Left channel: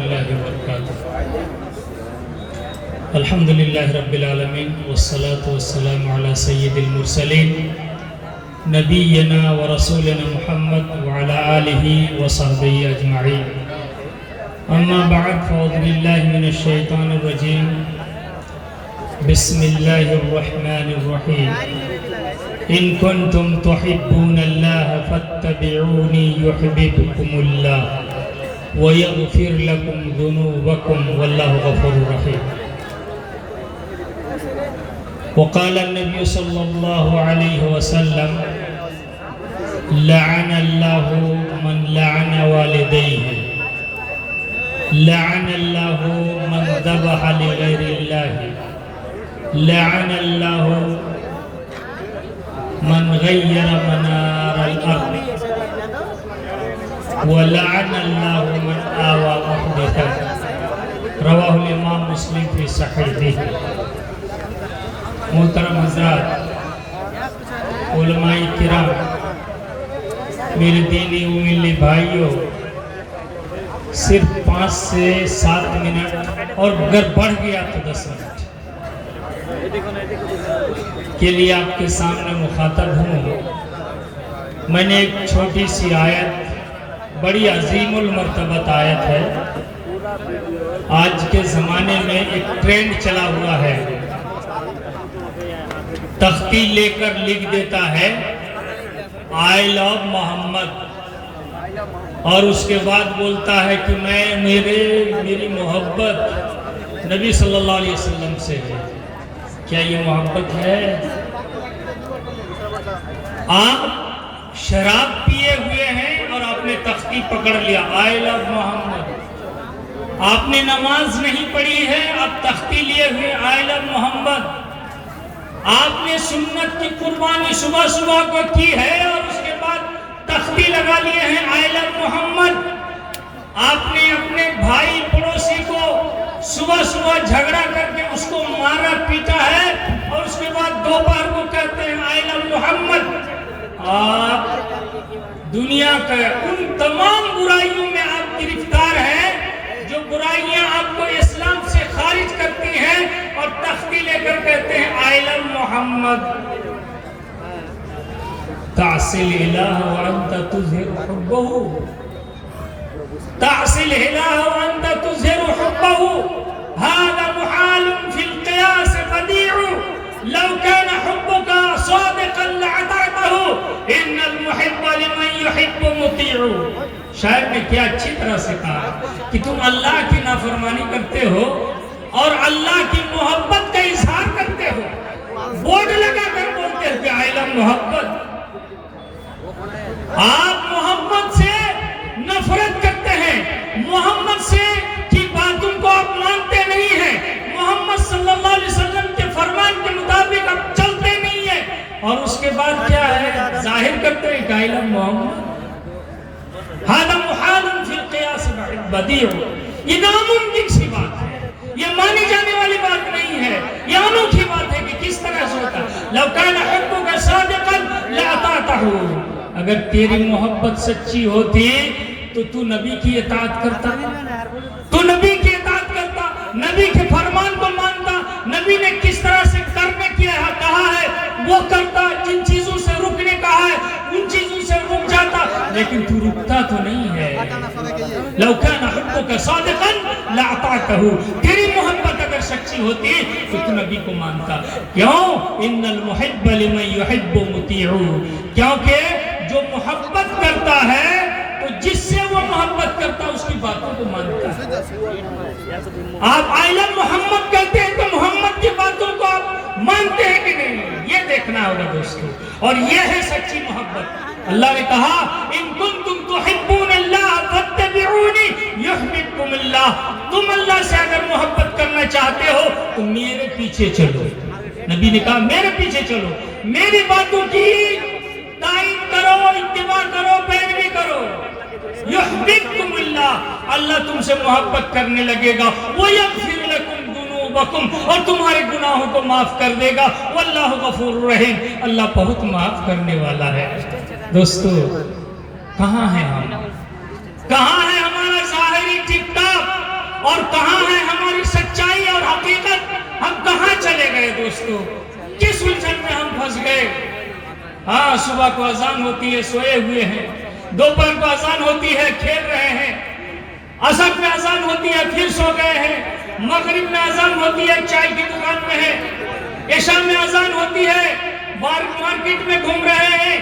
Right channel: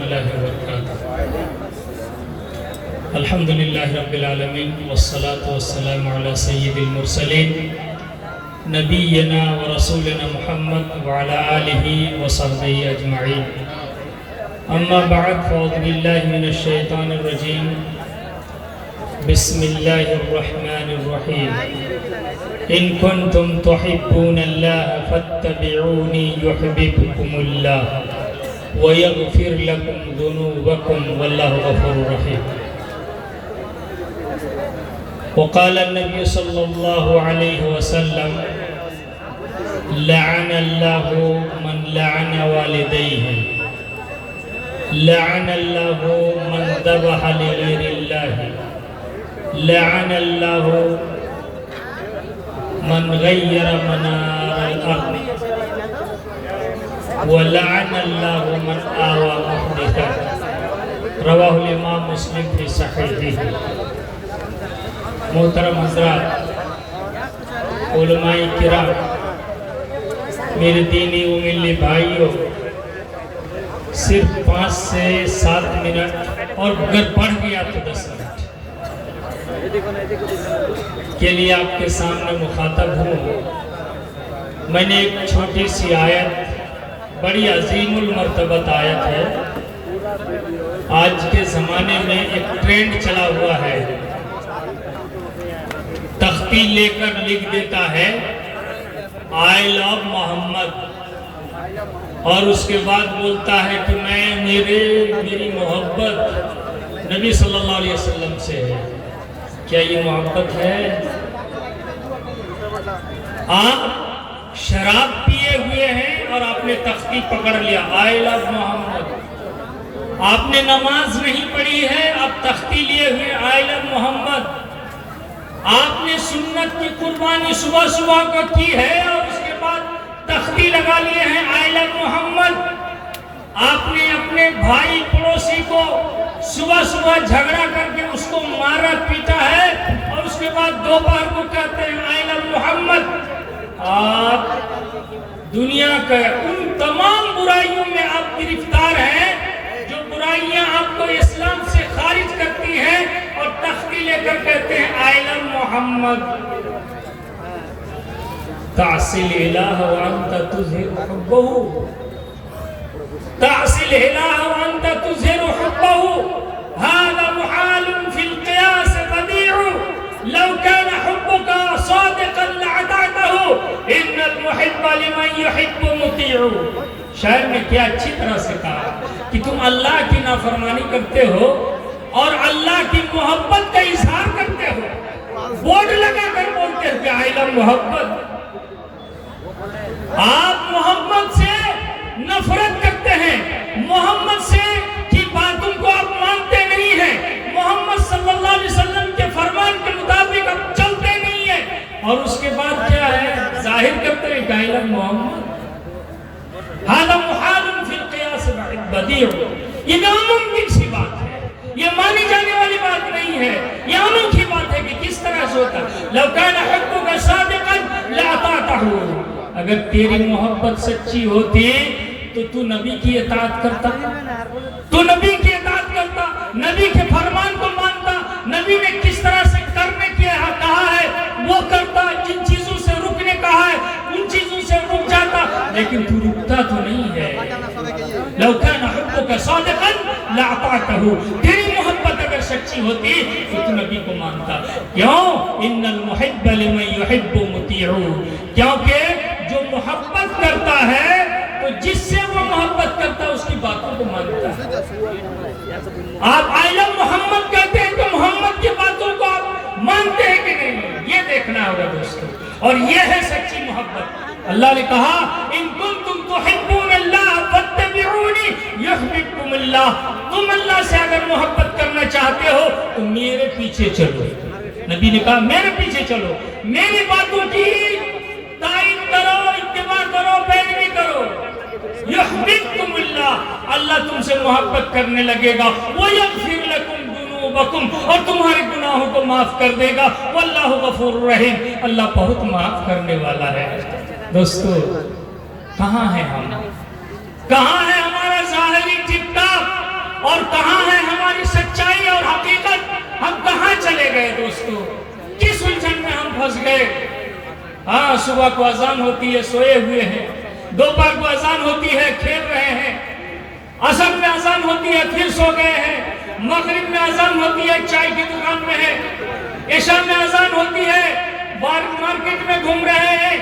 الله وبركاته. الحمد لله رب العالمين والصلاة والسلام على سيد المرسلين نبينا ورسولنا محمد وعلى آله وصحبه أجمعين. أما بعد فأعوذ بالله من الشيطان الرجيم. بسم الله الرحمن الرحيم. إن كنتم تحبون الله فاتبعوني يحببكم الله ويغفر لكم ذنوبكم والله غفور رحيم. وقال النبي صلى الله عليه وسلم لعن الله من لعن والديه لعن الله من ذبح لغير الله لعن الله من غير منار الأرض ولعن الله من آوى محدثا. رواه الإمام مسلم في صحيحه. محترم حضرات، علماء کرام، میرے دینی و ملی بھائیوں، صرف 5 سے 7 منٹ اور اگر بڑھ گیا تو 10 منٹ کے لیے آپ کے سامنے مخاطب ہوں. میں نے ایک چھوٹی سی آیت، بڑی عظیم المرتبت آیت ہے. آج کے زمانے میں ایک ٹرینڈ چلا ہوا ہے، تختی لے کر لکھ دیتا ہے آئی لو محمد، اور اس کے بعد بولتا ہے کہ میری محبت نبی صلی اللہ علیہ وسلم سے ہے. کیا یہ محبت ہے؟ آپ شراب پیے ہوئے ہیں اور آپ نے تختی پکڑ لیا آئی لو محمد. آپ نے نماز نہیں پڑھی ہے، آپ تختی لیے ہوئے آئی لو محمد. آپ نے سنت کی قربانی صبح صبح کو کی ہے اور اس کے بعد تختی لگا لیے ہیں آئی لو محمد. آپ نے اپنے بھائی پڑوسی کو صبح صبح جھگڑا کر کے اس کو مارا پیٹا ہے اور اس کے بعد دوپہر کو کہتے ہیں آئی لو محمد. آپ دنیا کے ان تمام برائیوں میں آپ گرفتار ہیں جو برائیاں آپ کو اسلام سے خارج کرتی ہیں، اور تختی لے کر کہتے ہیں آئی لو محمد. تعصی الالہ وانت تظہر حبہ، تعصی الالہ وانت تظہر حبہ، هذا محال في القياس بديع لو كان حبك صادقا لعطاته ان المحب لمن يحب مطيع. شاعر نے کیا اچھی طرح سے کہا کہ تم اللہ کی نافرمانی کرتے ہو اور اللہ کی محبت کا اظہار کرتے ہو، بورڈ لگا کر بولتے ہیں کہ آئی لو محبت. آپ محمد سے نفرت کرتے ہیں، محمد سے کی باتوں کو آپ مانتے نہیں ہیں، محمد صلی اللہ علیہ وسلم کے فرمان کے مطابق آپ چلتے نہیں ہیں، اور اس کے بعد کیا ہے؟ ظاہر کرتے ہیں کہ آئی لو محمد. هذا محال في القياس بديع. یہ ناممکن سی بات ہے، یہ مانی جانے والی بات نہیں ہے. یہ انوکھی بات ہے کہ کس طرح سے ہوتا. لو كان حبك صادقا لأطعته. اگر تیری محبت سچی ہوتی تو تو نبی کی اطاعت کرتا، تو نبی کی اطاعت کرتا، نبی کے فرمان کو مانتا، نبی نے کس طرح سے کرنے کی کہا ہے وہ کرتا، جن چیزوں سے رکنے کہا ہے ان چیزوں سے رک جاتا. لیکن تو رکتا تو نہیں ہے. لو كان حبك صادقا لأطعته. تیری محبت اگر سچی ہوتی تو تو نبی کو مانتا. کیوں؟ ان المحب لمن يحب مطيع. کیونکہ جو محبت کرتا ہے تو جس سے وہ محبت کرتا اس کی باتوں کو مانتا ہے. آپ آئی لو محمد کہتے ہیں تو محمد کی باتوں کو آپ مانتے ہیں کہ نہیں؟ یہ دیکھنا ہوگا دوستو، اور یہ ہے سچی محبت. اللہ نے کہا ان کنتم تحبون اللہ فاتبعونی یحببکم اللہ. تم اللہ سے اگر محبت کرنا چاہتے ہو تو میرے پیچھے چلو. نبی نے کہا میرے پیچھے چلو، میری باتوں کی تائید کرو، اتباع کرو، پیروی کرو. یحببکم اللہ، اللہ تم سے محبت کرنے لگے گا. ویغفر لکم ذنوبکم، اور تمہارے گناہوں کو معاف کر دے گا. واللہ غفور رحیم، اللہ بہت معاف کرنے والا ہے. دوستو کہاں ہیں ہم؟ کہاں ہے ہمارا ظاہری ٹپ ٹاپ؟ دوستو, کس الجھن میں ہم پھنس گئے. ہاں صبح کو اذان ہوتی ہے سوئے ہوئے ہیں, دوپہر کو اذان ہوتی ہے کھیل رہے ہیں, عصر میں اذان ہوتی ہے پھر سو گئے ہیں, مغرب میں اذان ہوتی ہے چائے کی دکان میں ہے, عشاء میں اذان ہوتی ہے مارکیٹ میں گھوم رہے ہیں,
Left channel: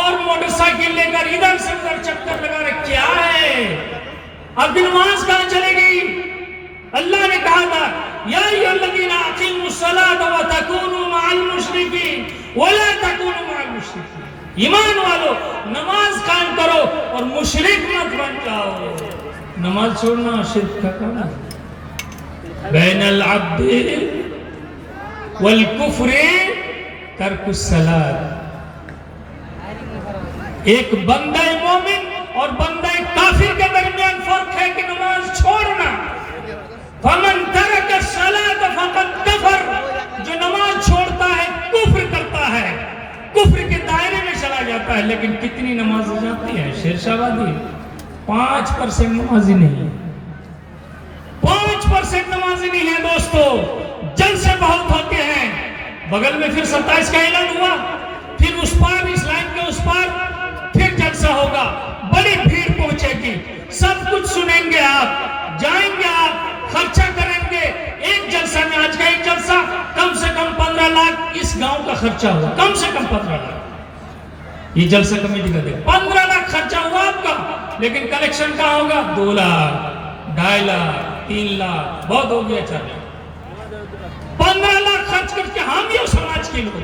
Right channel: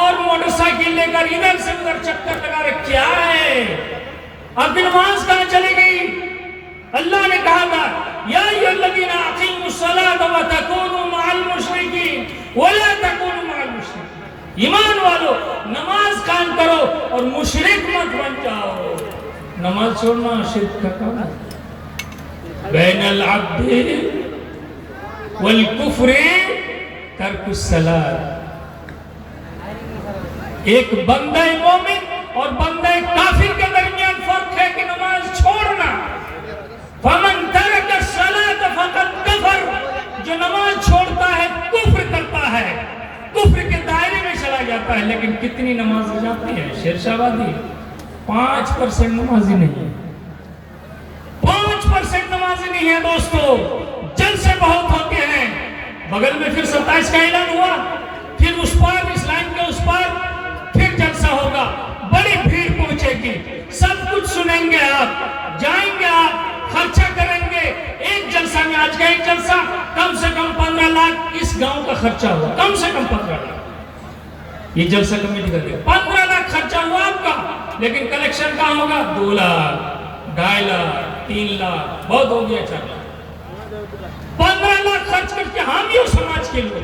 اور موٹر سائیکل لے کر ادھر سے ادھر چکر لگا رہے. کیا ہے اب نماز کہاں چلے گئی؟ اللہ نے کہا تھا یا ایھا الذین اقیموا الصلاۃ وتکونوا مع المشرکین ولا تکونوا مع المشرکین. ایمان والو نماز قائم کرو اور مشرک مت بن جاؤ. نماز چھوڑنا شرک کا کام ہے. بین العبد والکفر ترک الصلاۃ. ایک بندہ مومن اور بندہ کافر کے درمیان فرق ہے کہ نماز چھوڑنا. فمن ترک الصلاۃ فقد کفر. جو نماز چھوڑتا ہے کفر کرتا ہے, کفر کے دائرے میں چلا جاتا ہے. لیکن کتنی نماز ہو جاتی ہے شیرشاہ آبادی؟ 5% نمازی نہیں ہے. 5% نمازی نہیں ہے دوستو. جلسے بہت ہوتے ہیں. بغل میں پھر 27 کا اعلان ہوا, پھر اس پار اس لائن کے اس پار پھر جلسہ ہوگا, بڑی بھیڑ پہنچے گی, سب کچھ سنیں گے, آپ جائیں گے, آپ خرچہ کریں گے. ایک جلسہ میں آج کا ایک جلسہ کم سے کم 15 لاکھ اس گاؤں کا خرچہ ہوا, کم سے کم 15 لاکھ. یہ جلسہ کمیٹی کر دے 15 لاکھ خرچہ ہوا آپ کا, لیکن کلیکشن کہاں ہوگا؟ 2 لاکھ 2.5 لاکھ 3 لاکھ, بہت ہو گیا. 15 لاکھ خرچ کر کے ہم یہ سماج کے لوگ.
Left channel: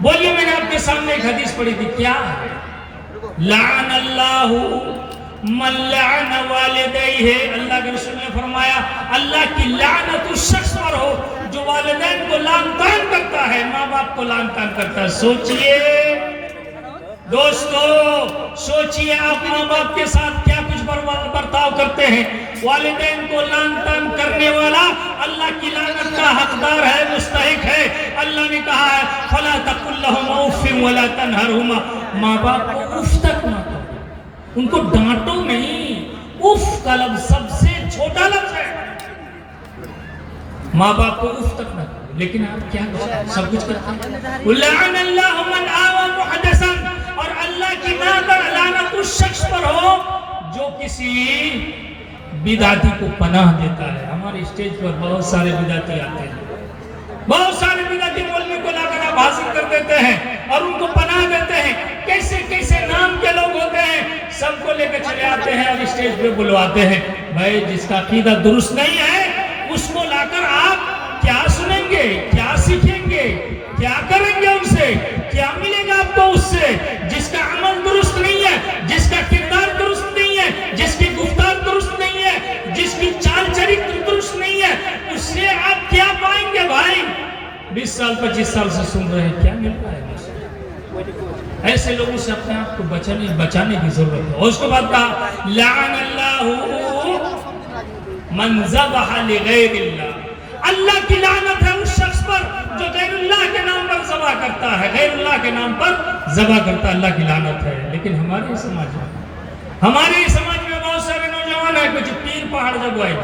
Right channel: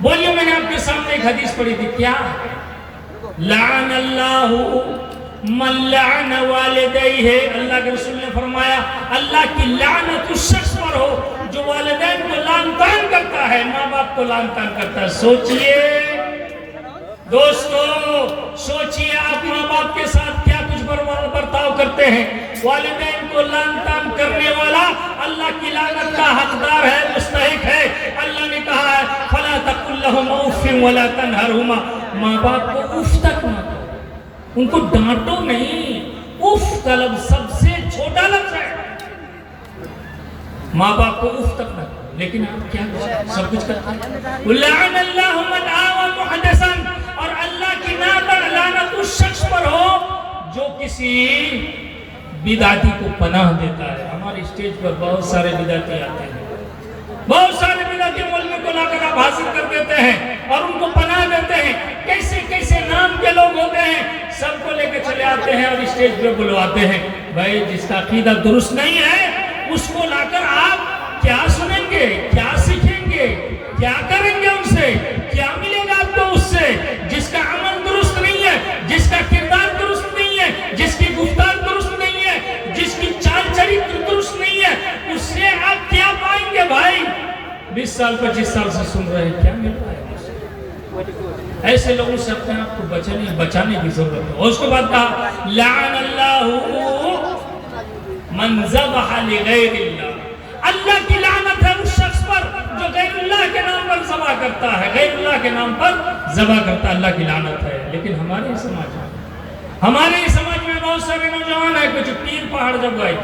بولیے میں نے آپ کے سامنے ایک حدیث پڑھی تھی, کیا لعن اللہ من لعن والدیہ. اللہ کے رسول نے فرمایا اللہ کی لعنت اس شخص پر ہو جو والدین کو لعن طعن کرتا ہے, ماں باپ کو لعن طعن کرتا ہے. سوچئے دوستو, سوچئے آپ ماں باپ کے ساتھ کیا کچھ برتاؤ کرتے ہیں. والدین کو لعن طعن کرنے والا اللہ کی لعنت کا حقدار ہے, مستحق ہے. اللہ نے کہا ہے فلا تقل لهما اف ولا تنهرهما. ماں باپ کو اف تک نہ کرو, ان کو ڈانٹو نہیں. اف کا لفظ سب سے چھوٹا لفظ ہے. ماں باپ کو اف تک نہ کرو, لیکن آپ کیا سب کچھ کرتے ہیں. لعن اللہ من آوى محدثا. اور اللہ کی لعنت اس شخص پر ہو جو کسی بدعتی کو پناہ دیتا ہے. ہمارے اسٹیج پر بہت سارے بدعتی آتے ہیں, بہت سارے بدعتی مولوی کو لا کر آپ حاضر کر دیتے ہیں اور ان کو پناہ دیتے ہیں. کیسے کیسے نام کے لوگ ہوتے ہیں, سب کو لے کے چلے آتے ہیں اور اسٹیج پہ بلواتے ہیں. بھائی جس کا عقیدہ درست نہیں ہے اس کو لا کر آپ کیا سنیں گے, کیا سیکھیں گے, کیا کریں گے, ان سے کیا ملے گا آپ کو اس سے؟ جس کا عمل درست نہیں ہے, جس کا کردار درست نہیں ہے, جس کی گفتار درست نہیں ہے, جس کی چال چریتر درست نہیں ہے, اس سے آپ کیا پائیں گے بھائی؟ 20 سال 25 سال سے سن رہے ہیں, کیا مل رہا ہے؟ ایسے لوگوں سے اپنے آپ کو بچانے کی ضرورت ہے. اور اس کے بعد کہا لعن اللہ من ذبح لغیر اللہ. اللہ کی لعنت ہے اس شخص پر جو غیر اللہ کے نام پر ذبح کرتا ہے, غیر اللہ کے نام پر ذبح کرتا ہے. اللہ کی لعنت ہے. لیکن ہمارے سماج میں بہت سارے نوجوان ہیں, کچھ پیر پہاڑ جب آئے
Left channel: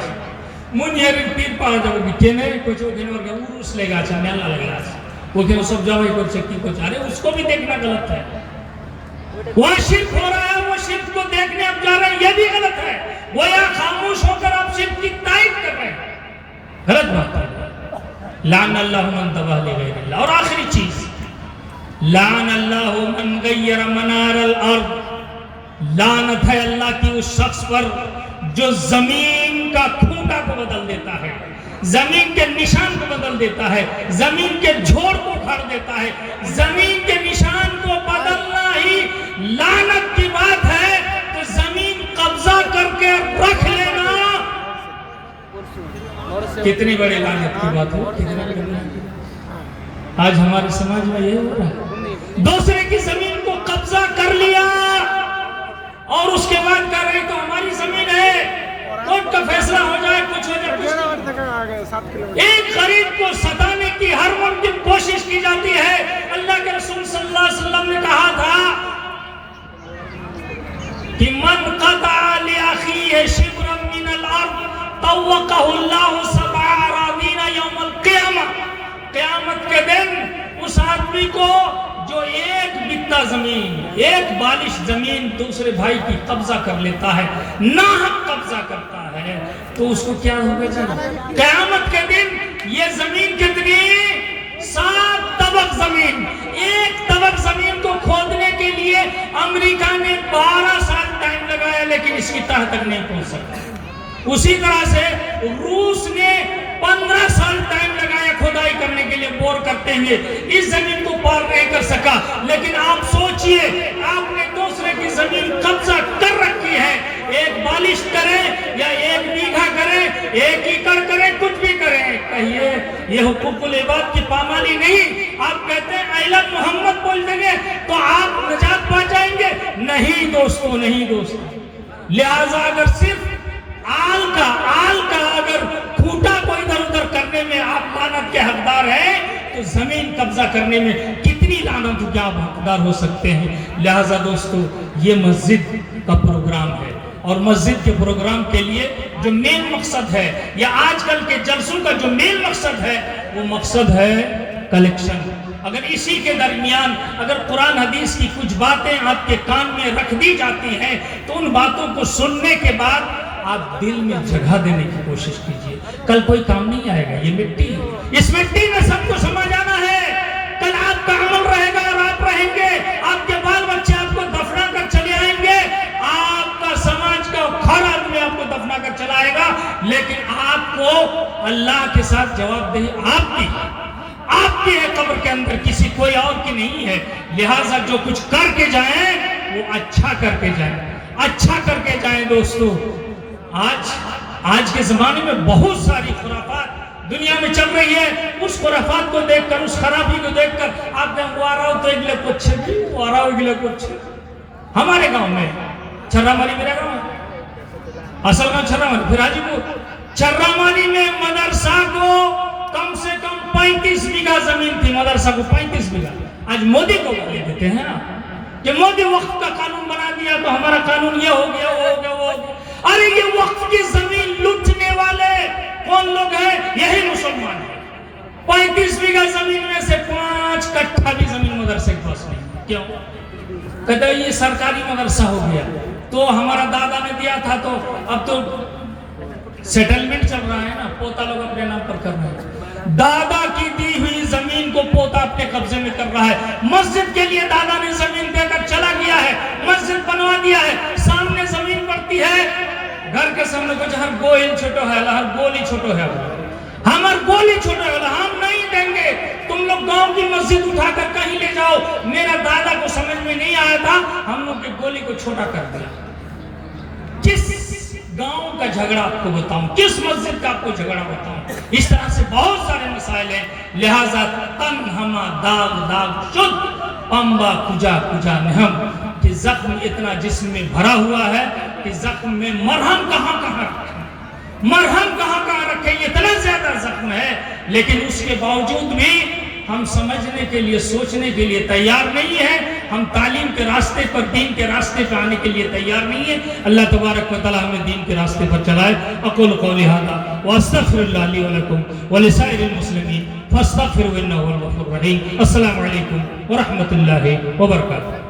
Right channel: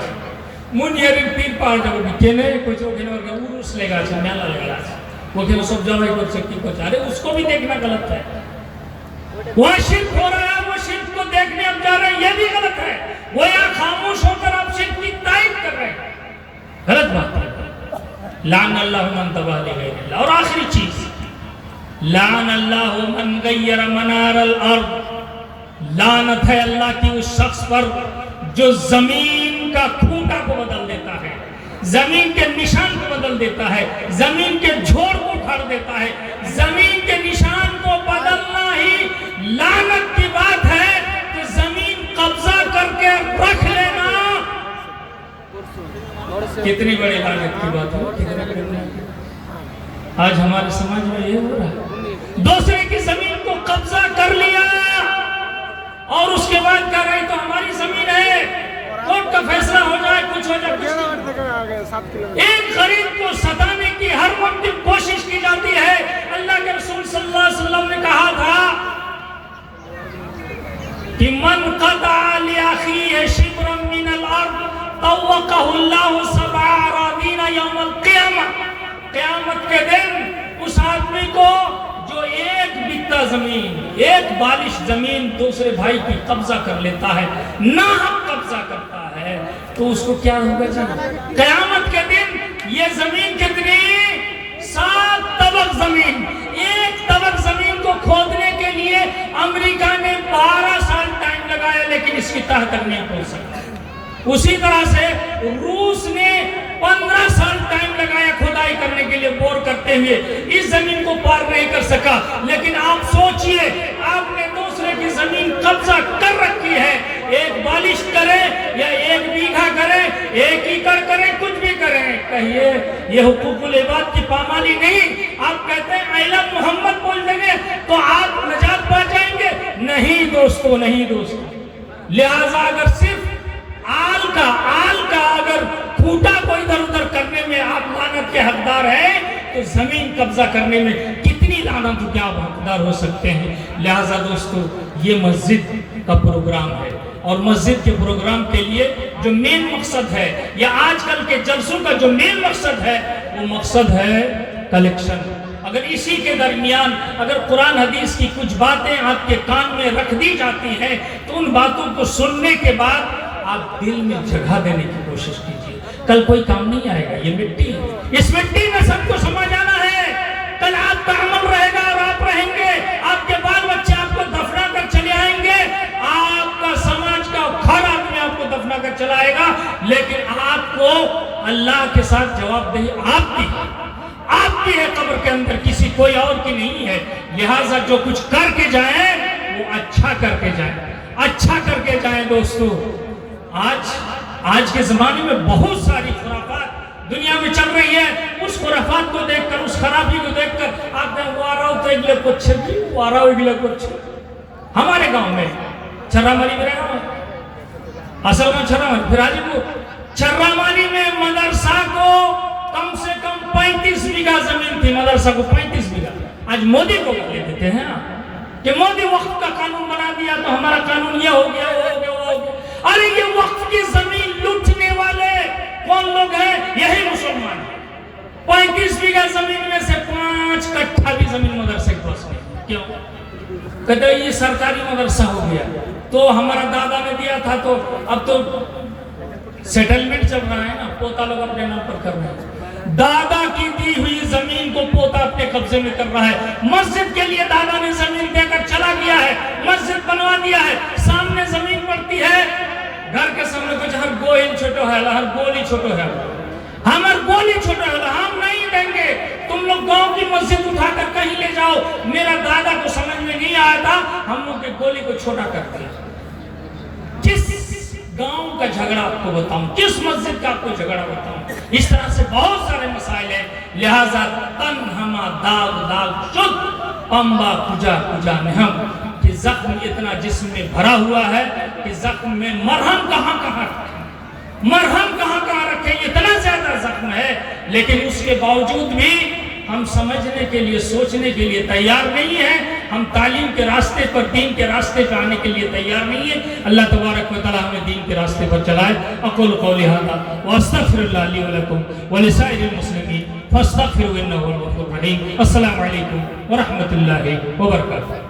منیر پیر پہاڑ جب کہنے کچھ وہ کہنے اور عرس لے گا, اچھا میلہ لے گا, وہ کہ سب جاؤ ایک شکتی کو چاہ رہے, اس کو بھی دیکھنا غلط ہے. وہاں شرک ہو رہا ہے, وہ شرک کو دیکھنے اب جا رہے ہیں, یہ بھی غلط ہے. وہ یا خاموش ہو کر آپ شرک کی تائید کر رہے ہیں, غلط بات ہے. لعن اللہ من ذبح لغیر اللہ. اور آخری چیز, لعن اللہ من غیر منار الارض. لعنت ہے اللہ کی اس شخص پر جو زمین کا کھوٹا کو بدل دیتا ہے, زمین کے نشان کو بدل دیتا ہے, زمین کے جھوڑ کو اکھاڑ دیتا ہے. زمین کے نشان کو بدلنا ہی لعنت کی بات ہے, تو زمین قبضہ کر کے رکھ لینا کتنی بڑی لعنت کی بات ہو, کتنی بڑی لعنت. آج ہمارے سماج میں یہ ہو رہا ہے, دوسرے کی زمین کو قبضہ کر لیا اور اس کے بعد کہہ رہے تو ہماری زمین ہے, کورٹ کا فیصلہ ہو جائے, کچھ ہو جائے. ایک غریب کو ستانے کی ہر ممکن کوشش کی جاتی ہے. اللہ کے رسول صلی اللہ علیہ وسلم نے کہا تھا کہ من قطع لأخیہ شبرا من الارض طوقہ اللہ 7 اراضین یوم القیامہ. قیامت آدمی کو جو ایک بتا زمین، ایک بالش زمین دوسرے بھائی کی قبضہ کر لیتا ہے، ناحق قبضہ کرتا ہے، تو اس کو کیا ہوگا جی؟ قیامت کے دن یہ زمین کتنی؟ 7 طبق زمین. ایک طبق زمین کو کھودنے کے لیے امریکہ نے 12 سال ٹائم لگایا، لیکن اس کی تہ تک نہیں پہنچ سکتا. اسی طرح سے روس نے 15 سال ٹائم لگایا کھدائی کرنے کے لیے، بور کرتے ہوئے اس زمین کو پار نہیں کر سکا. لیکن آپ سوچئے، آپ نے دوسرے کی زمین قبضہ کر رکھی ہے، ایک بالش کرے یا 1 بیگھا کرے، 1 ایکڑ کرے، کچھ بھی کرے، کہیے یہ حقوق العباد کی پامالی نہیں؟ آپ کہتے ہیں آئی لو محمد بول دیں گے تو آپ نجات پا جائیں گے؟ نہیں دوستو، نہیں دوستو. لہذا اگر صرف آل کا اگر کھوٹا کو ادھر ادھر کرنے میں آپ لعنت کے حقدار ہیں، تو زمین قبضہ کرنے میں کتنی لعنت کے آپ حقدار ہو سکتے ہیں. لہذا دوستو، یہ مسجد کا پروگرام ہے، اور مسجد کے پروگرام کے لیے جو مین مقصد ہے، یا آج کل کے جلسوں کا جو مین مقصد ہے، وہ مقصد ہے کلیکشن. اگر اسی کے درمیان اگر قرآن حدیث کی کچھ باتیں آپ کے کان میں رکھ دی جاتی ہیں، تو ان باتوں کو سننے کے بعد آپ دل میں جگہ دینے کی کوشش کیجئے. کل کوئی کام نہیں آئے گا، یہ مٹی ہے، اس مٹی میں سب کو سمجھ آنا ہے. کل آپ کا عمل رہے گا اور آپ رہیں گے، آپ کے بال بچے آپ کو دفنا کر چلے آئیں گے، آپ کا سماج کا ہر آدمی آپ کو دفنا کر چلا آئے گا، لیکن آپ کو اللہ کے ساتھ جواب دہی آپ کی ہے قبر کے اندر، کسی کوئی اور کی نہیں ہے. لہٰذا جو کچھ کر کے جائیں وہ اچھا کر کے جائیں، اچھا کر کے جائیں. دوستو، آج کے زمانے میں بہت ساری خرافات دنیا میں چل رہی ہے. اس خرافات کو دیکھ کر، اس خرابی کو دیکھ کر آپ نے وارا تو اگلے کوچھے بھی وارا اگلے کوچھے. ہمارے گاؤں میں چھرا مالی، میرے گاؤں میں اصل میں چھرا مالی، پھر آجی کو چھرا مالی میں مدرسہ کو کم سے کم 35 بیگھا زمین تھی. مدرسہ کو 35 بیگھا. آج مودی کو لے دیتے ہیں کہ مودی وقت کا قانون بنا دیا تو ہمارا قانون یہ ہو گیا، وہ ہو گیا، وہ ہو گیا. ارے یہ وقت کی زمین لوٹنے والے کون لوگ ہیں؟ یہی مسلمان. 35 بیگھا زمین میں سے 5 کٹھا بھی زمین مدرسے کو پاس نہیں. کیوں؟ کہتا ہے یہ سرکاری مدرسہ ہو گیا، تو ہمارا دادا نے دیا تھا، تو اب تو سیٹلمنٹ چل رہا ہے نا، پوتا لوگ اپنے نام پر کر رہے ہیں. دادا کی دی ہوئی زمین کو پوتا اپنے قبضے میں کر رہا ہے. مسجد کے لیے دادا نے زمین دے کر چلا گیا ہے، مسجد بنوا دیا ہے، سامنے زمین پڑتی ہے، گھر کے سامنے کچھ ہر گوہل چھوٹو ہے، ہر گولی چھوٹو ہے، ہمار گولی چھوٹو ہے، ہم نہیں دیں گے. تم لوگ گاؤں کی مسجد اٹھا کر کہیں لے جاؤ. میرا دادا کو سمجھ میں نہیں آیا تھا، ہم لوگ کی گولی کو چھوٹا کر دیا. کس گاؤں کا جھگڑا آپ کو بتاؤں، کس مسجد کا آپ کو جھگڑا بتاؤں؟ اس طرح سے بہت سارے مسائل ہیں. لہذا تن ہما داغ شد پمبا کجا کجا نہم، کہ زخم اتنا جسم میں بھرا ہوا ہے کہ زخم میں مرہم کہاں رکھیں، مرہم کہاں رکھیں. اتنا زیادہ زخم ہے، لیکن اس کے باوجود بھی ہم سمجھنے کے لیے، سوچنے کے لیے تیار نہیں ہیں. ہم تعلیم کے راستے پر، دین کے راستے پر آنے کے لیے تیار نہیں ہیں. اللہ تبارک و تعالی ہمیں دین کے راستے پر چلائے. اقول قولی ھذا واستغفر اللہ لی ولکم ولسائر المسلمین فاستغفروہ انہ هو الغفور الرحیم. السلام علیکم ورحمۃ اللہ وبرکاتہ.